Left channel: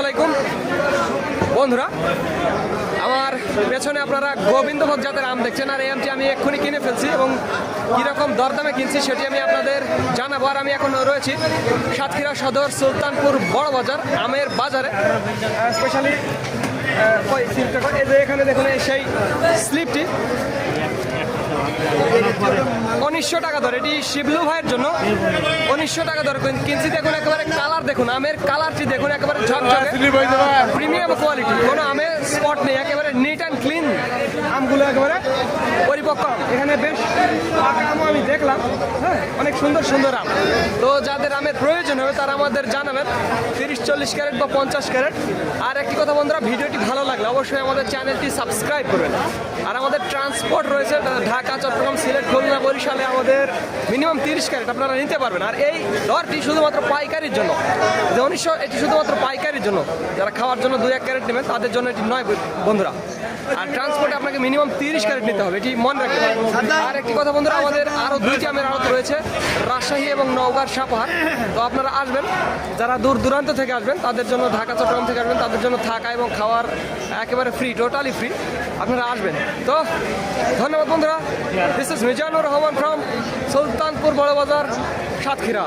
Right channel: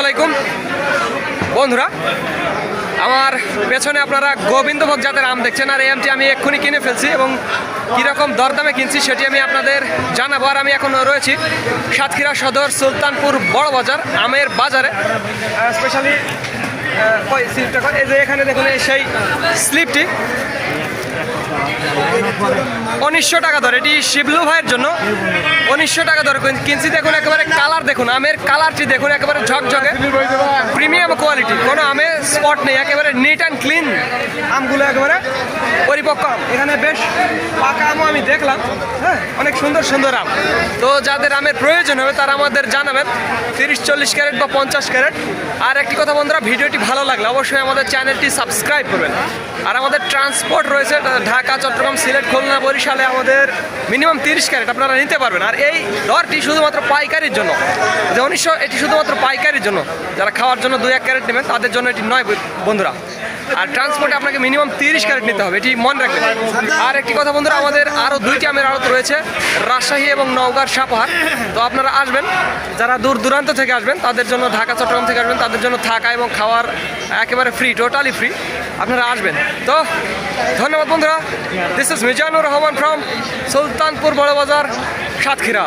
আলাইকুম। বন্ধুরা, আমার পেছনে আপনারা গোবিন্দভোগ জাতের আম দেখছেন, আর এই আমটি আমি এক্ষুনি কিনে ফেলছি এবং কীরকম দরদামে কিনছি সেটি আমি আপনাদের জানাব। আর আমি এখন রয়েছি সাতক্ষীরা সদর সুলতানপুর বড় বাজার, আমের বাজারে। স্পেশালি কই স্লিপটা? এই যে এখানে দেখুন সেই স্লিপটি উনিশশো টাকা ধরে এটি শিবলু ভাইয়ের জন্য। উনিশশো টাকা ধরে কিন- কিনছি দেখুন একেবারে কালার দেখুন আমের কালারটি দেখুন একেবারে ঝকঝকে। প্রিমিয়াম কোয়ালিটি কোনো আমে স্পট নেই, একেবারে নিট অ্যান্ড ক্লিন আমগুলো একেবারে পরিপক্ক আম। এখানে বেশ পাকা আমও আমি দেখলাম হ্যাঁ অনেক সুন্দর সুন্দর আম। তো যাদের আমের প্রয়োজন হবে, তারা আমাদের জানাবেন। তিরিশ, চল্লিশ ক্যারেট বা পঞ্চাশ ক্যারেট। আর একটি কথা বন্ধুরা, ভিডিওটি ভালো লাগলে অবশ্যই আমাদের চ্যানেলটি সাবস্ক্রাইব করবেন। আর আমাদের ট্রান্সপোর্ট রয়েছে ঢাকা, চট্টগ্রাম, সিলেট, খুলনা, বরিশালে আমাদের মিনিমাম তিরিশ ক্যারেট। আপনারা নিতে পারবেন। আর এই দরটি শুধুমাত্র পাইকারির জন্য। যে উনিশশো, এটি শুধুমাত্র পাইকারির জন্য। যারা খাওয়ার জন্য দুই এক ক্যারেট নেবেন, তাদের জন্য এটি নয় বন্ধুরা। আর ট্রান্সপোর্টে আপনাকে মিনিমাম তিরিশ ক্যারেট নিতে হবে, এটি মনে রাখবেন। আর একটি কথা বন্ধুরা, আমাদের আরও দুইটি আমের আড়ত রয়েছে, রাজশাহী এবং নওগাঁর সাপাহার। তো আপনারা আসবেন, যারা দূর দূরান্ত থেকে আসবেন, তাদের জন্য ঢাকা, চট্টগ্রাম থেকে আসবেন, তাদের জন্য থাকা এবং খাওয়ার একেবারে ফ্রি টোটালি ফ্রি আপনারা আসবেন। তো ধন্যবাদ বন্ধুরা। This is Mizanur Rahman from Sultanpur Boro Bazar Satkhira.